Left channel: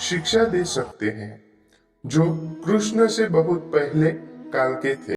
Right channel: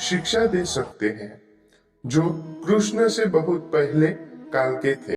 शिक्षा दे सकते हैं, जो कृष्ण से बहुत पहले काल के थे।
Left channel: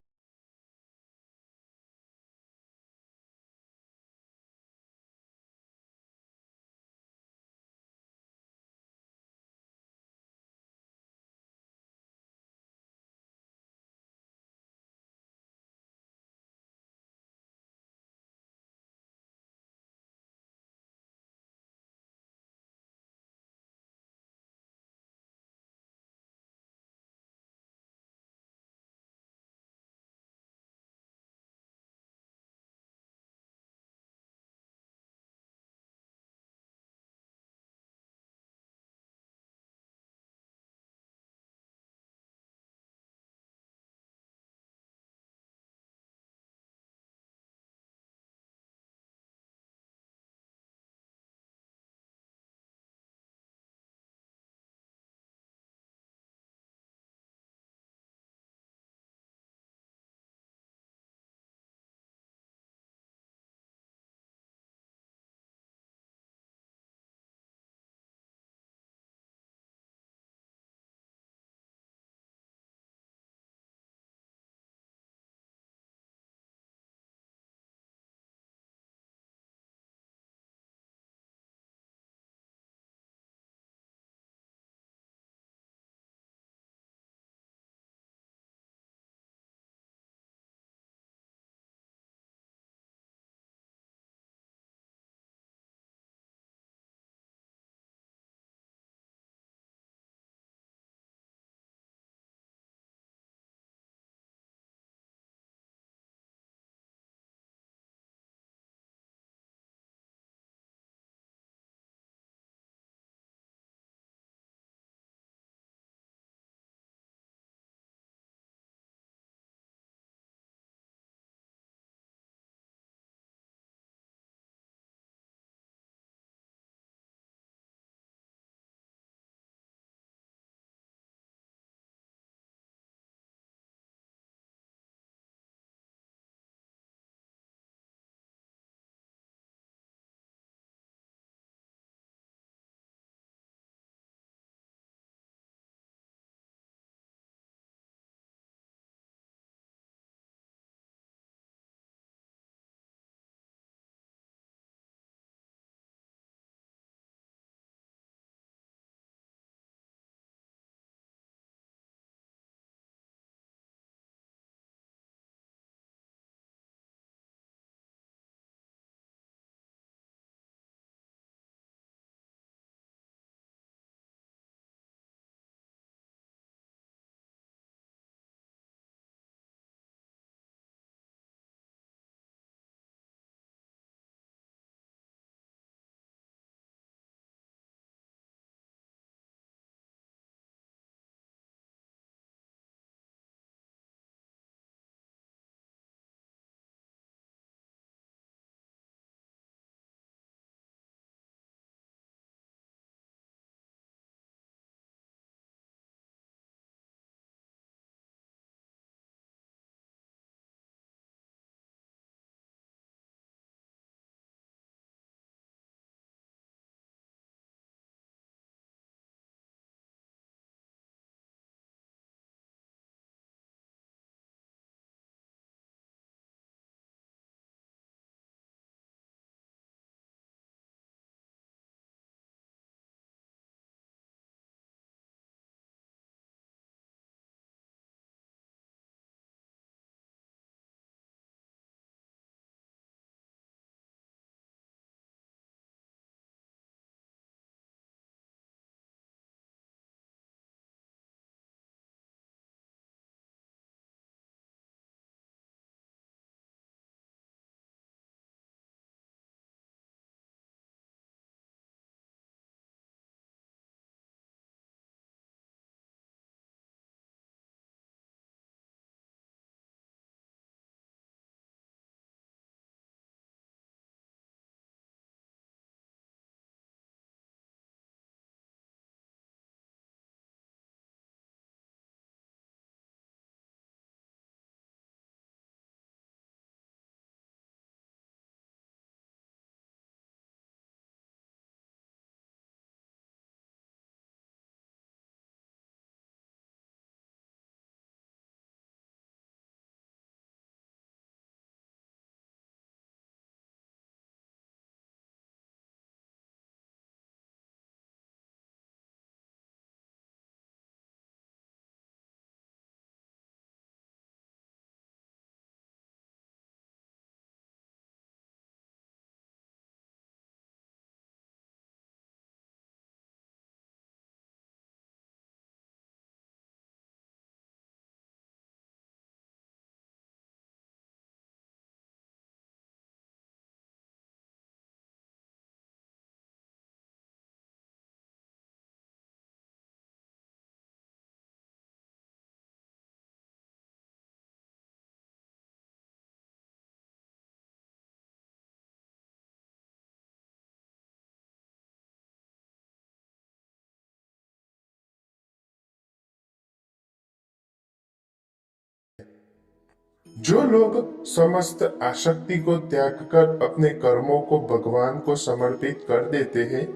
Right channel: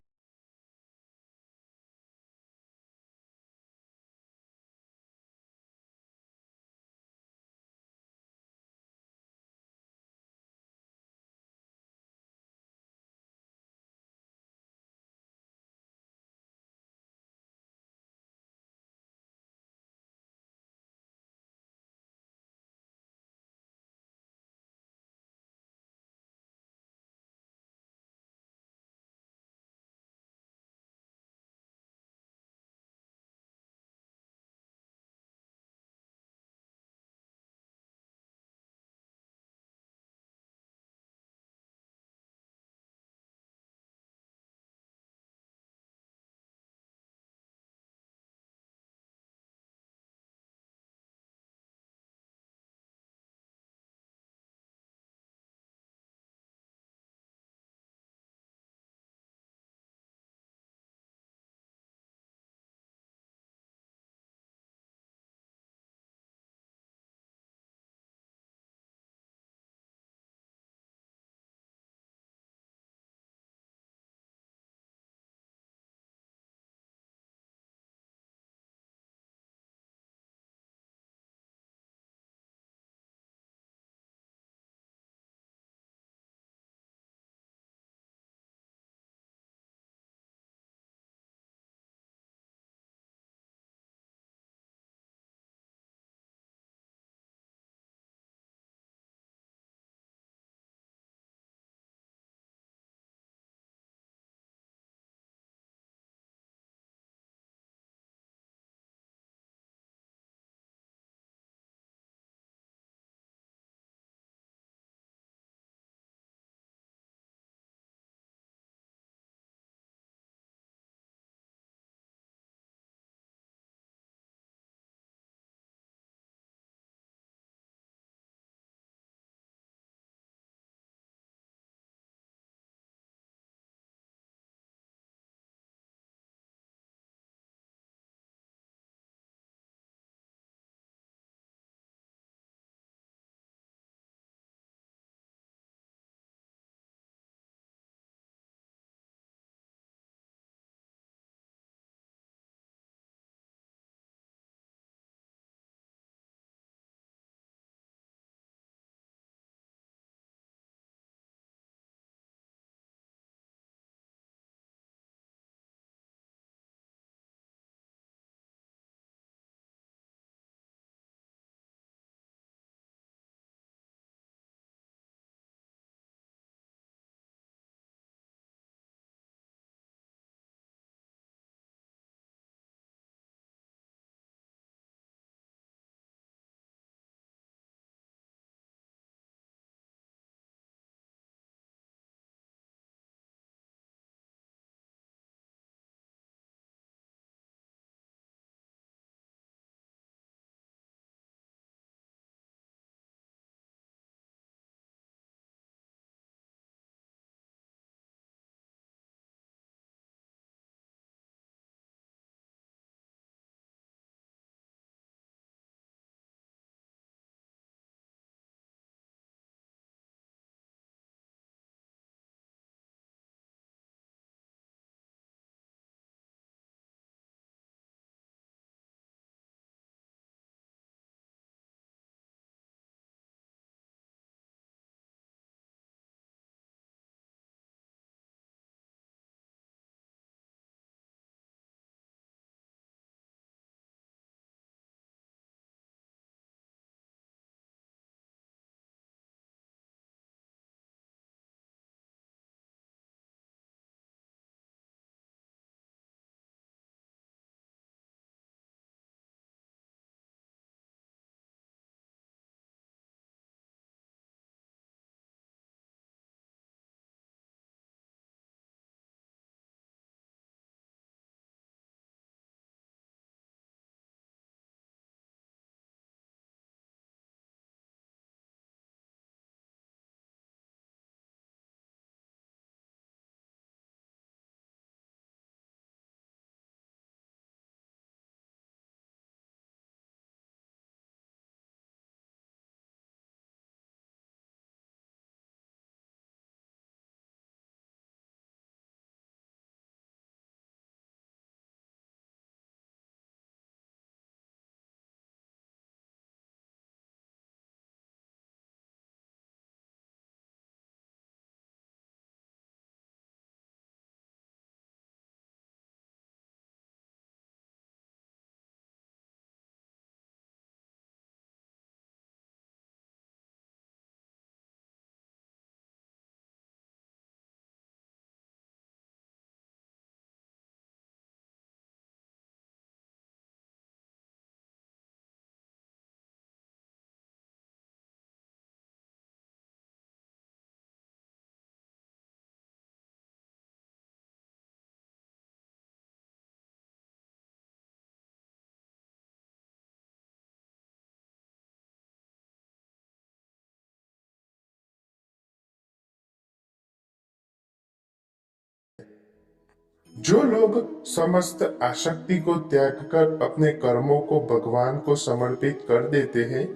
जो लोग समस्त आसक्ति को त्याग कर अपने कर्मों को भगवान को समर्पित कर देते हैं,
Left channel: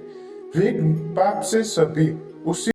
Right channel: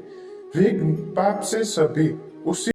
वे पाप से सभी उसी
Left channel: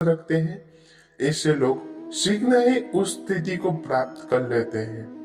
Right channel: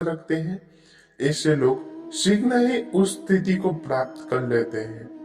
रखते हैं। ऐसे लोग शीघ्र ही उस स्थिति को प्राप्त कर लेते हैं।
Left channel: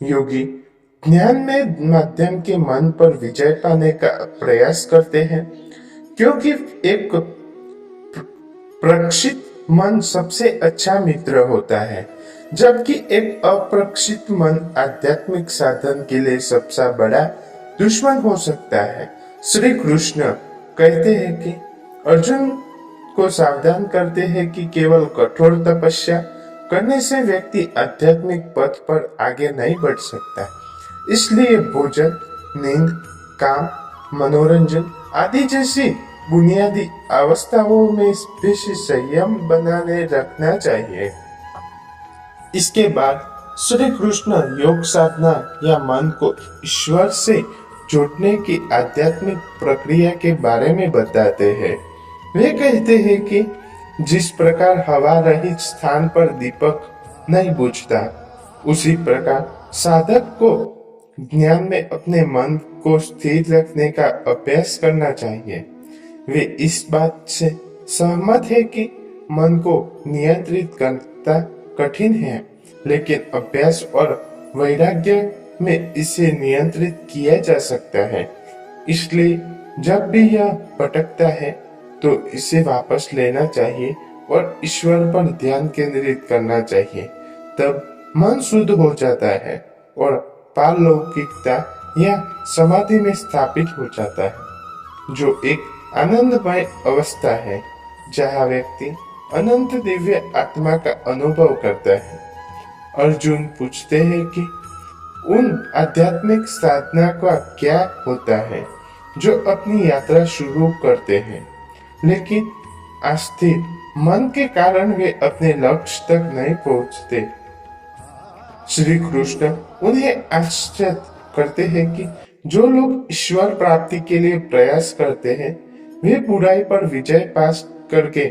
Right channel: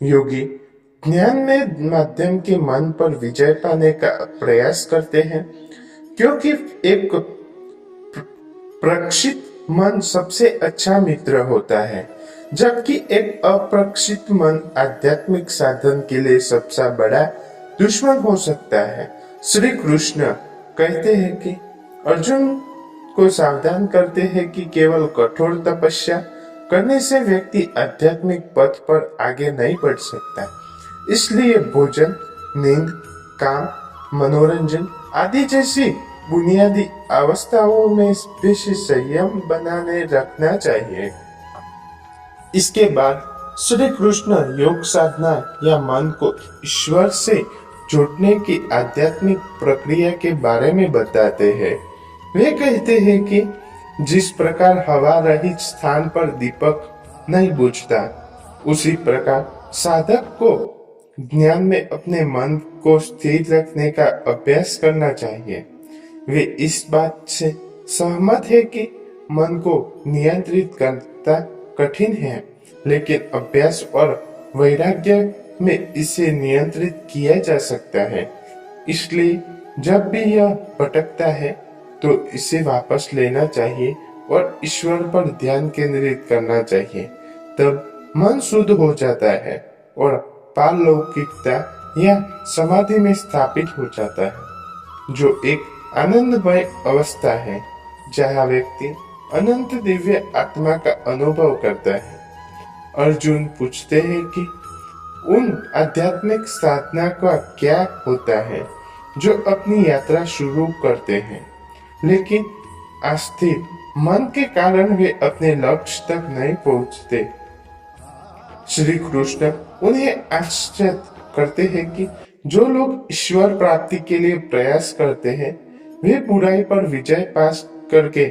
योगी ज्ञान में माध्यम के मन पर विजय पाने का प्रयास करते हैं, क्योंकि एक प्रशिक्षित मन सबसे अच्छा मित्र होता है, जबकि एक अप्रशिक्षित मन आध्यात्मिक साधन के लिए सबसे बड़ा दुश्मन हो सकता है। श्री कृष्ण कहते हैं कि अर्जुन को सावधान करते हैं कि केवल कठोर तपस्या करने से व्यक्ति आध्यात्मिक पथ पर आगे नहीं बढ़ सकता। इसलिए भोजन, नींद, काम, मनोरंजन आदि जैसी बुनियादी अवस्थाओं में बेशी संयम बनाने रखना चाहिए। इसके बाद श्री कृष्ण योग साधना या मन को ईश्वर से जोड़ने की आध्यात्मिक प्रक्रिया के बारे में बताते हैं। वे कहते हैं कि जिस प्रकार हवा रहित स्थान पर दीपक नहीं बुझता, उसी प्रकार साधक को ज्ञान में अपने मन को स्थिर रखने का अभ्यास करना चाहिए। वे इस बात से सहमत है कि मन को नियंत्रित करना कठिन है, लेकिन अभ्यास और वैराग्य में इसे नियंत्रित किया जा सकता है। इसलिए जब भी यह भटकता है तो इसे वापस लेना चाहिए और ईश्वर पर ध्यान केंद्रित करना चाहिए। तब मन शुद्ध हो जाता है और पारलौकिकता या समाधि में स्थापित हो जाता है, जो एक आनंदमय अवस्था है जहाँ व्यक्ति अनंत दिव्य आत्मा का अनुभव करता है। अर्जुन पूछते हैं कि उन आध्यात्मिक साधना का क्या होता है जो अपनी यात्रा शुरू करते हैं, लेकिन अस्थिर मन के कारण वे अपने लक्ष्य तक नहीं पहुंचते। श्री कृष्ण उन्हें आश्चर्य करते हैं कि जो लोग ईश्वर प्राप्ति के लिए प्रयास करते हैं, वे बुराई पर विजय पास करके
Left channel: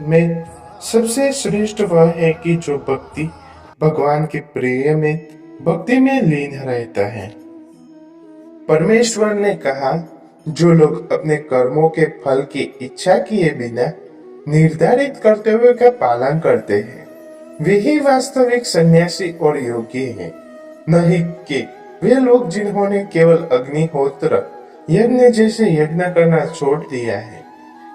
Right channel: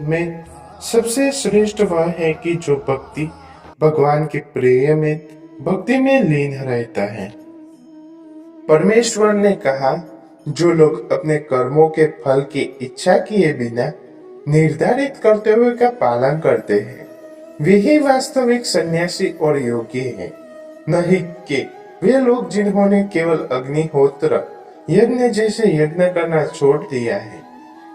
में सबसे श्रेष्ठ वह है कि जो भक्ति भगवान के प्रिय में भक्ति में लीन रहता है। परमेश्वर ने कहा, जो लोग अपने कर्मों के फल की इच्छा किए बिना निर्धारित कर्तव्य का पालन करते हैं, वे ही वास्तविक सन्यासी और योगी हैं। नहीं कि वे लोग जिन्होंने केवल अग्निहोत्र यज्ञ जैसे यज्ञ करना छोड़ दिया है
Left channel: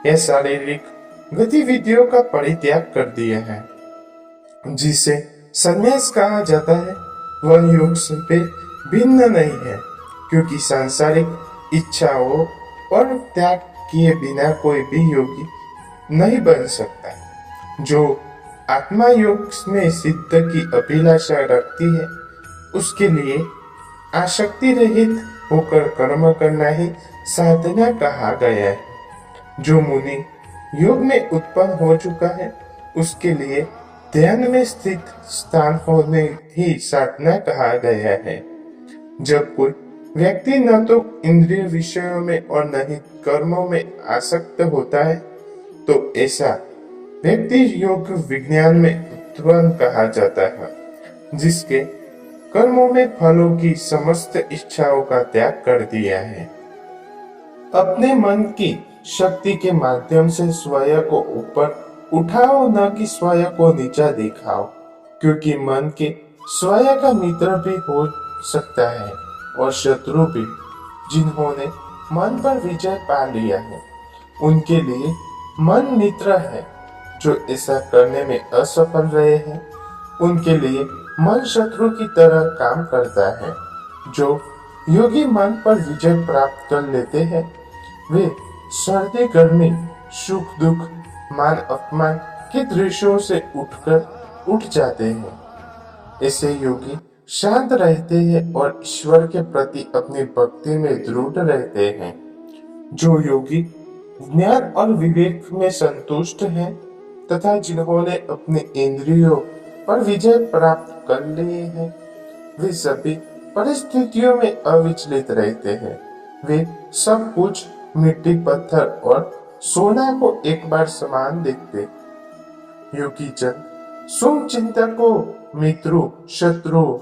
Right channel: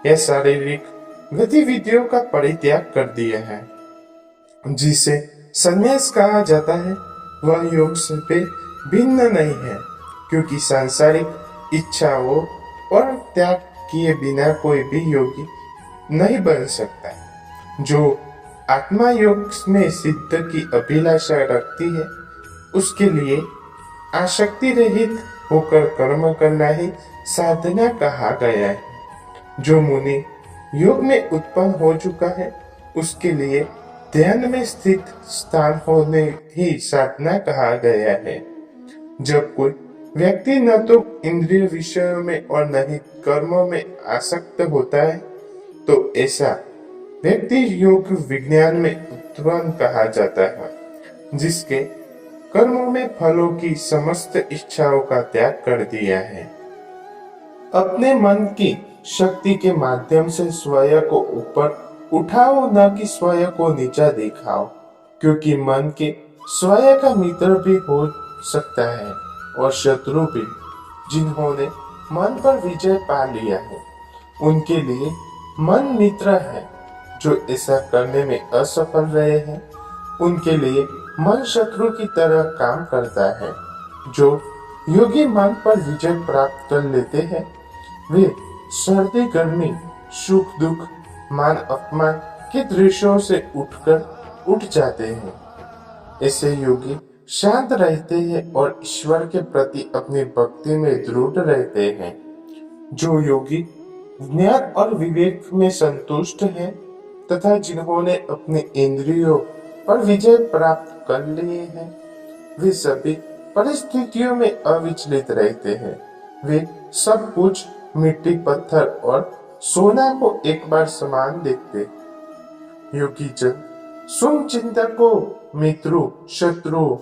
या शारीरिक गतिविधियों का परित्याग कर दिया है। जिसे संन्यास कहा जाता है वह योग से भिन्न नहीं है, क्योंकि सांसारिक इच्छाओं और त्याग किए बिना कोई भी योगी नहीं बन सकता। जो आत्मा योग में सिद्ध की अभिलाषा रखती है, उसके लिए आसक्ति रहित होकर कर्म करना ही साधना कहा गया है। जो मुनि योग में उत्पन्न हो चुका है, उसके लिए ध्यान में स्थित स्थान होने ही साधना कहा गया है। जब कोई व्यक्ति न तो इंद्रिय विषयों में और न ही कर्मों में आसक्त होता है, तो ऐसा व्यक्ति योग विज्ञान में उत्पन्न कहा जाता है, जिसके कर्मों में फलों की समस्त इच्छाओं का त्याग कर दिया है। अपने मन की शक्ति के माध्यम से स्वयं को ऊपर उठाओ, न कि स्वयं को नीचा दिखाओ, क्योंकि मन के स्वयं का मित्र भी हो सकता है और शत्रु भी। जिन्होंने मन पर विजय पा लिया है, उनके लिए मन मित्र है। जो ऐसा करने में असफल रहे हैं, उनके लिए मन शत्रु की तरह काम करता है। जो योगी मन पर विजय प्राप्त कर लेते हैं, वे सर्दी गर्मी, सुख दुख, मान अपमान के दृश्यों से उठ जाते हैं। ऐसे योगी शांत रहते हैं और ईश्वर के प्रति अपनी भक्ति में दृढ़ रहते हैं। जो योगी ज्ञान और विवेक में संतुष्ट हैं तथा जिन्होंने अपने इंद्रियों पर विजय प्राप्त कर लिए हैं, वे सभी परिस्थितियों में अविचलित रहते हैं। वे सब कुछ मिट्टी, पत्थर और सोना को एक बार समान देखते। योगी जन शुभ चिंतकों, मित्रों, शत्रुओं,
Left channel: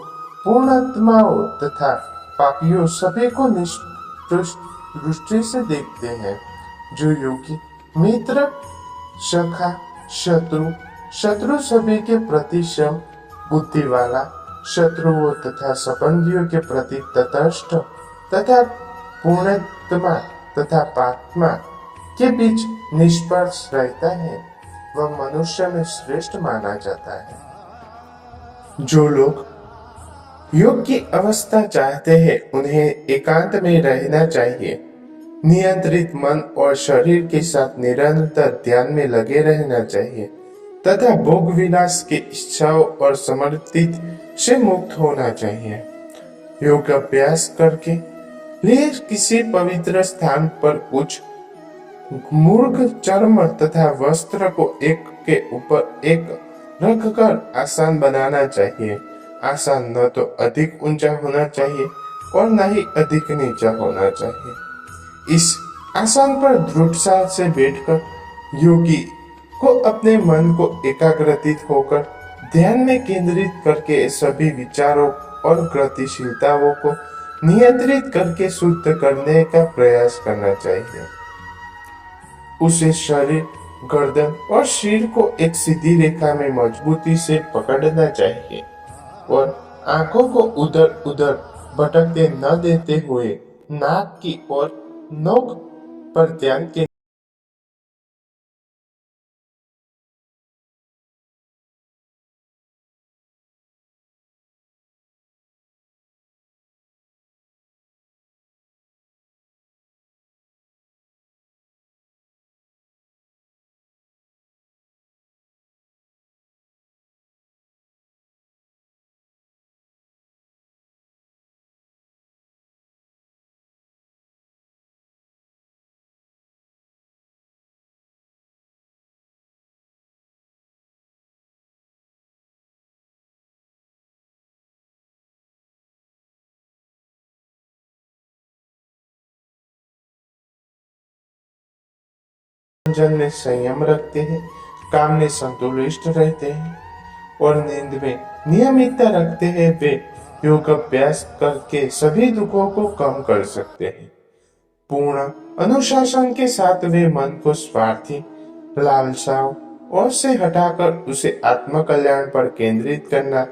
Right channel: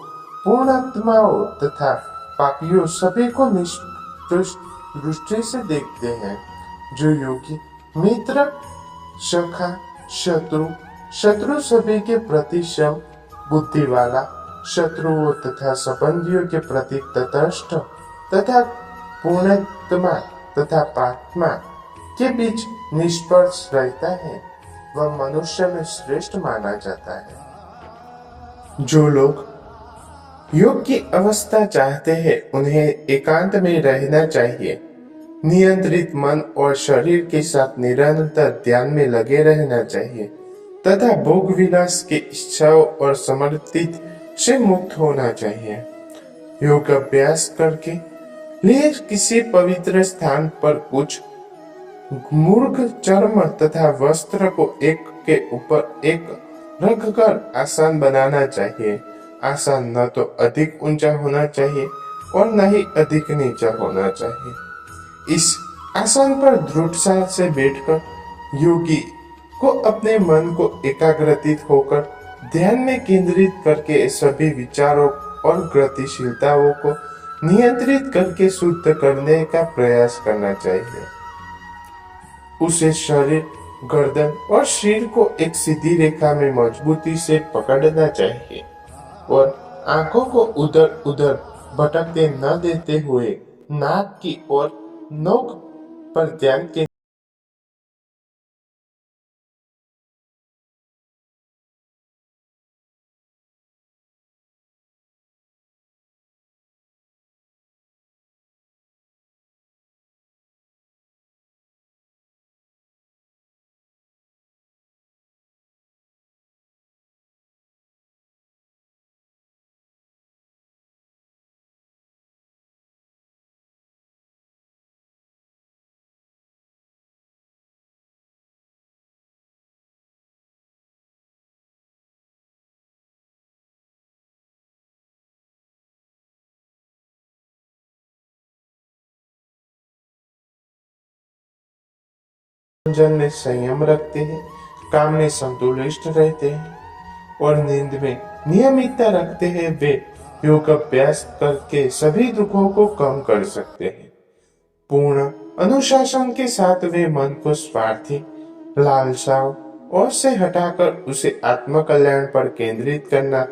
पूर्णात्माओं तथा पापियों सभी को निष्पक्ष दृष्टि से देखते हैं। जो योगी मित्र, सखा, शत्रु, शत्रु सभी के प्रति सम बुद्धि वाला, शत्रुओं तथा संबंधियों के प्रति तटस्थ तथा पूर्णात्मा तथा पात्मा के बीच निष्पक्ष रहता है, वह मनुष्य में श्रेष्ठ माना जाता है। जो लोग योग की अवस्था चाहते हैं, उन्हें एकांत में रहना चाहिए। नियंत्रित मन और शरीर के साथ निरंतर ध्यान में लगे रहना चाहिए तथा भोग विलास की इच्छाओं और समर्पित से मुक्त होना चाहिए। योग अभ्यास करके लिए किसी पवित्र स्थान पर कुछ मूर्ख चर्म तथा वस्त्र को एक के ऊपर एक रखकर आसन बनाना चाहिए। आसन न तो अधिक ऊंचा होना चाहिए और न ही अधिक नीचा होना चाहिए। इस आसन पर दृढ़ता से बैठकर योगी को अपने मन को एकाग्रचित होकर ध्यान में केंद्रित करके सभी विचारों और गतिशीलताओं को नियंत्रित करके शुद्ध करने का प्रयास करना चाहिए। उसे शरीर, गर्दन और सिर को एक सीधी रेखा में मजबूती से पकड़ना चाहिए और आंखों को उधर उधर भटकते न देते हुए नाक की ओर नोक पर ध्यान के जन में संयम रखते हैं, काम में संतुलित रहते हैं और नींद में नियमितता रखते हैं, वे योग अभ्यास करके सभी दुखों को कम कर सकते हैं। पूर्ण अनुशासन के साथ वे मन को स्वार्थी लालसाओं और से हटाकर उसे आत्म कल्याण पर केंद्रित करना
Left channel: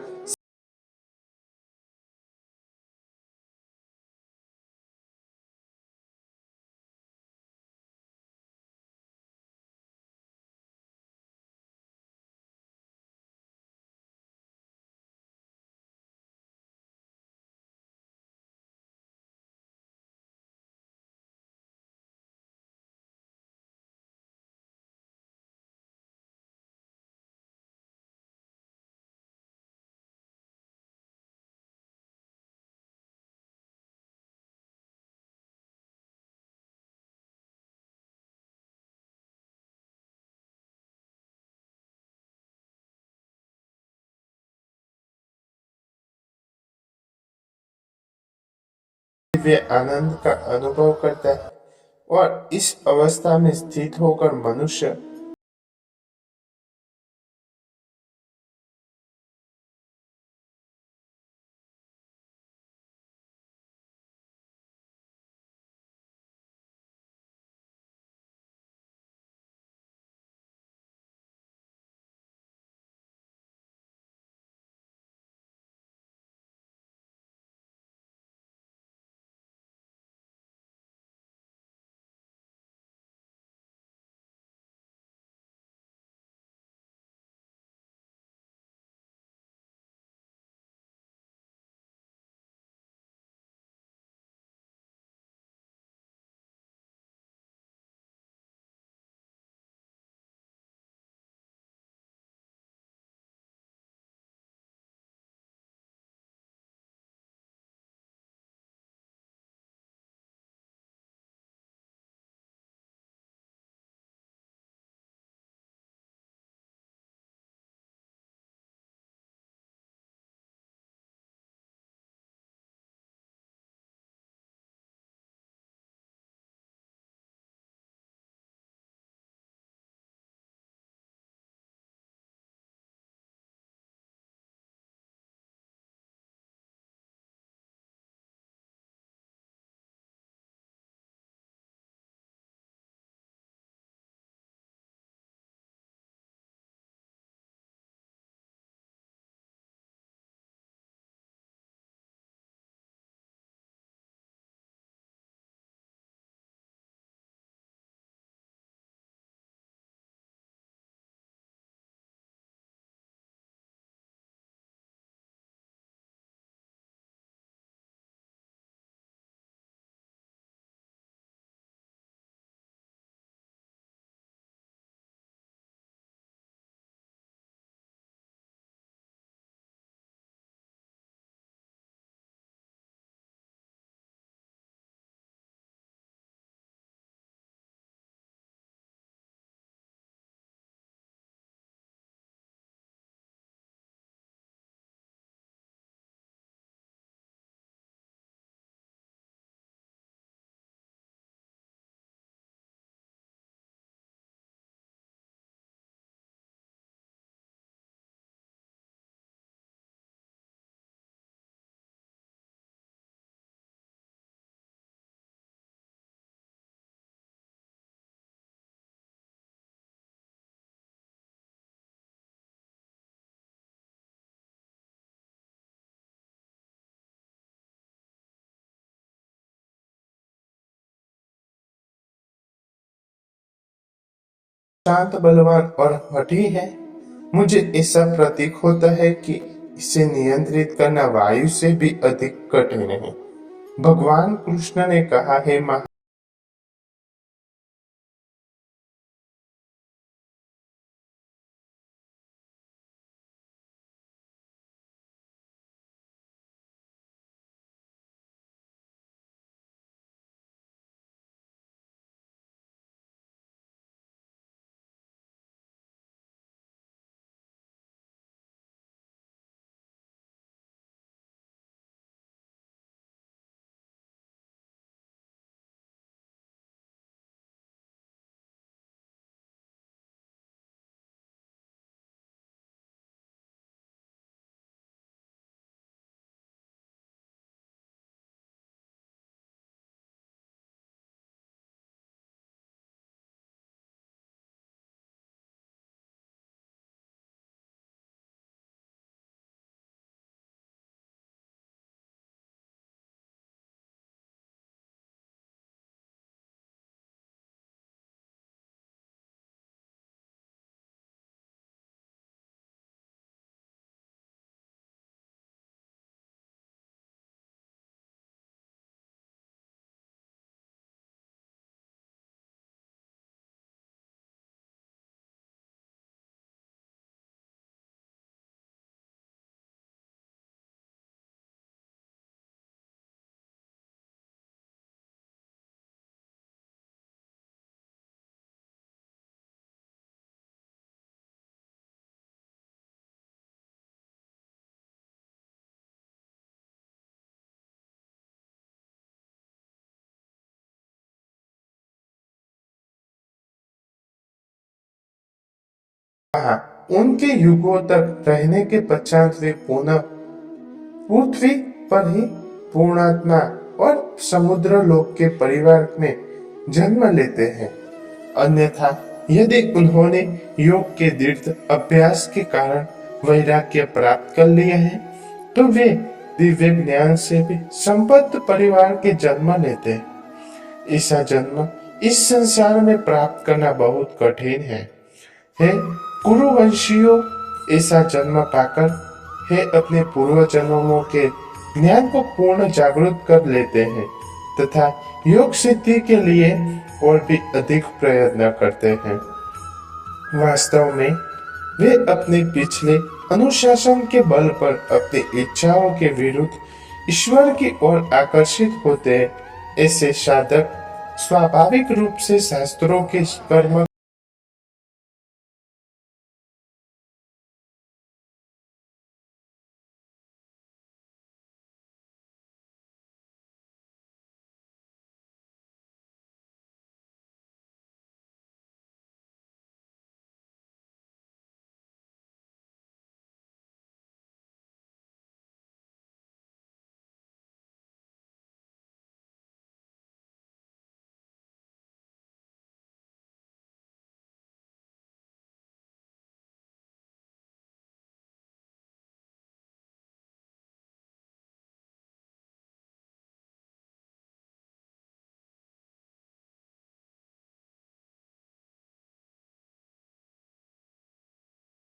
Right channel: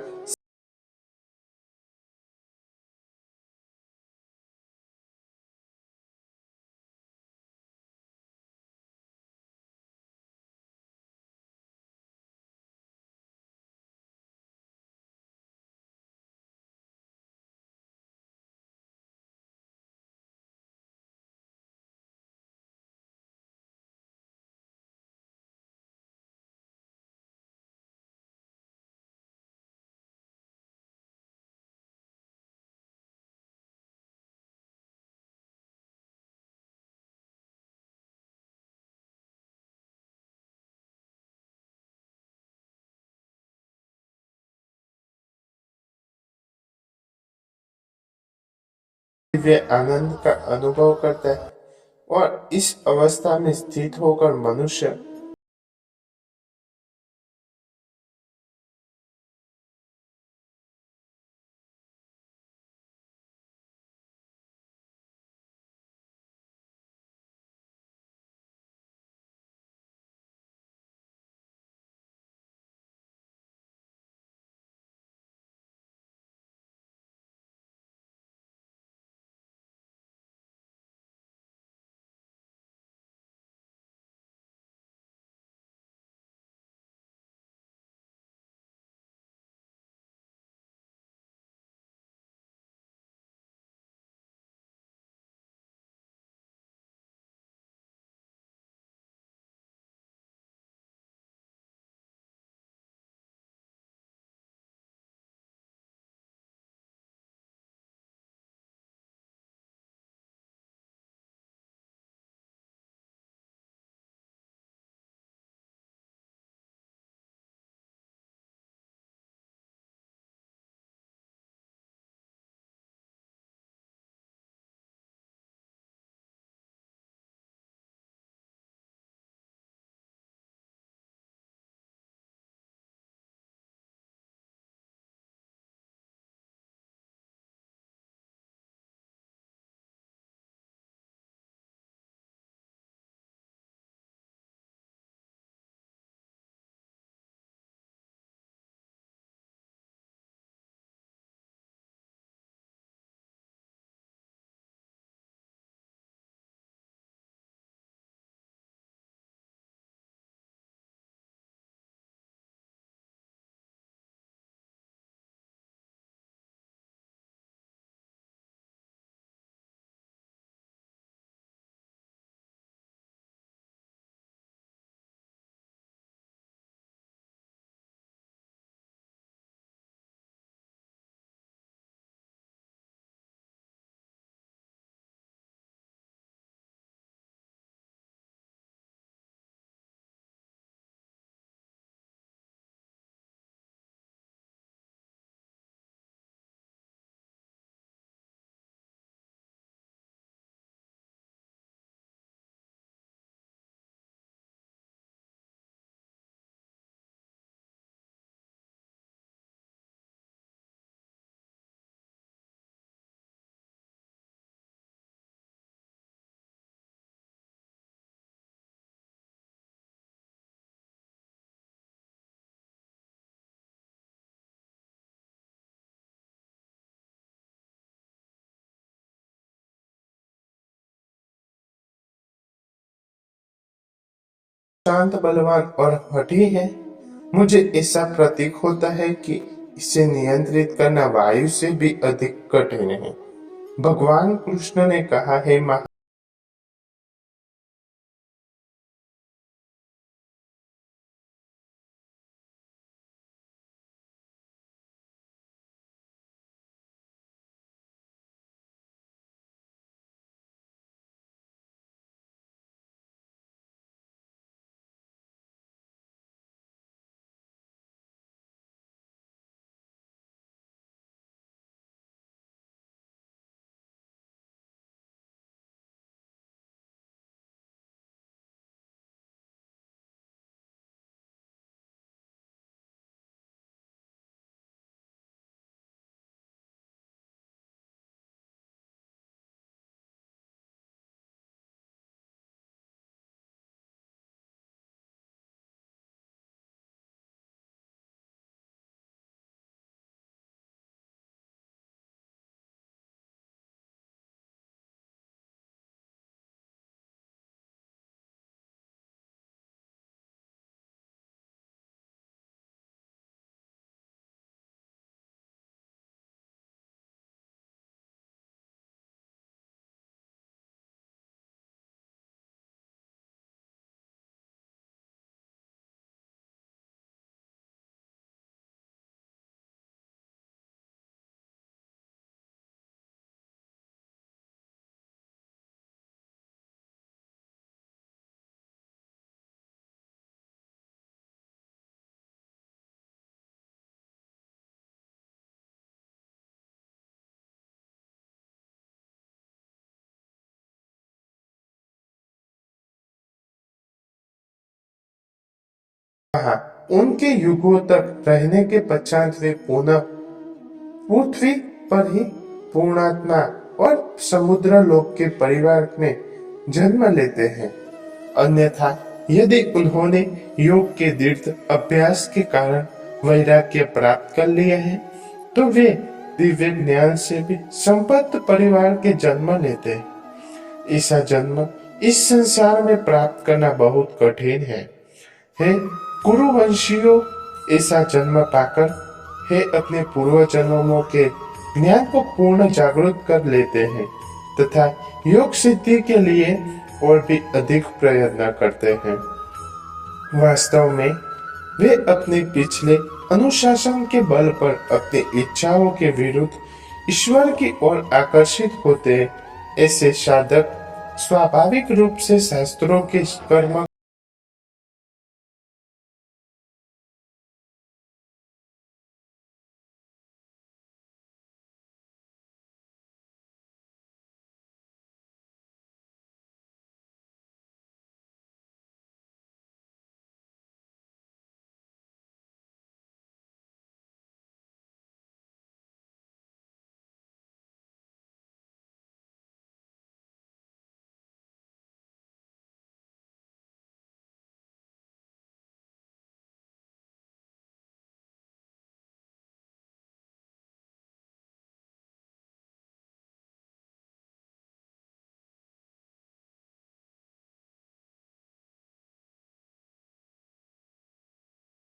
दिव्य आनंद का अनुभव करता है और इस अवस्था में स्थित होकर मनुष्य शांत, बलवान और हठी है। मुझे ऐसा प्रतीक होता है कि इसे नियंत्रित करना वायु से भी अधिक कठिन है। भगवान कृष्ण ने कहा है, उनके युगों तक रहने के पश्चात वे पुनः पृथ्वी पर ही पूर्णात्मा और समुद्र लोक के परिवार में जन्म लेते हैं। अन्यथा यदि उन्होंने योग के दृढ़ अभ्यास के कारण वैराग्य प्राप्त कर लिया है, तो वे दिव्य ज्ञान से भी संपन्न परिवार के जन्म लेते हैं। ऐसा जन्म इस संसार में प्राप्त करना बहुत कठिन है। हे कुरुवंशियों, ऐसा जन्म पाकर हे अपने पूर्व जन्मों के ज्ञान को पूर्ण जागृत कर लेते हैं तथा योग सिद्धि के लिए और भी अधिक प्रयत्न करते हैं। वास्तव में वे अपने पिछले अनुशासन के बल पर अपनी इच्छाओं के विरुद्ध ईश्वर की ओर आकर्षित होते हैं। ऐसे साधक स्वाभाविक रूप से शास्त्रों के कर्म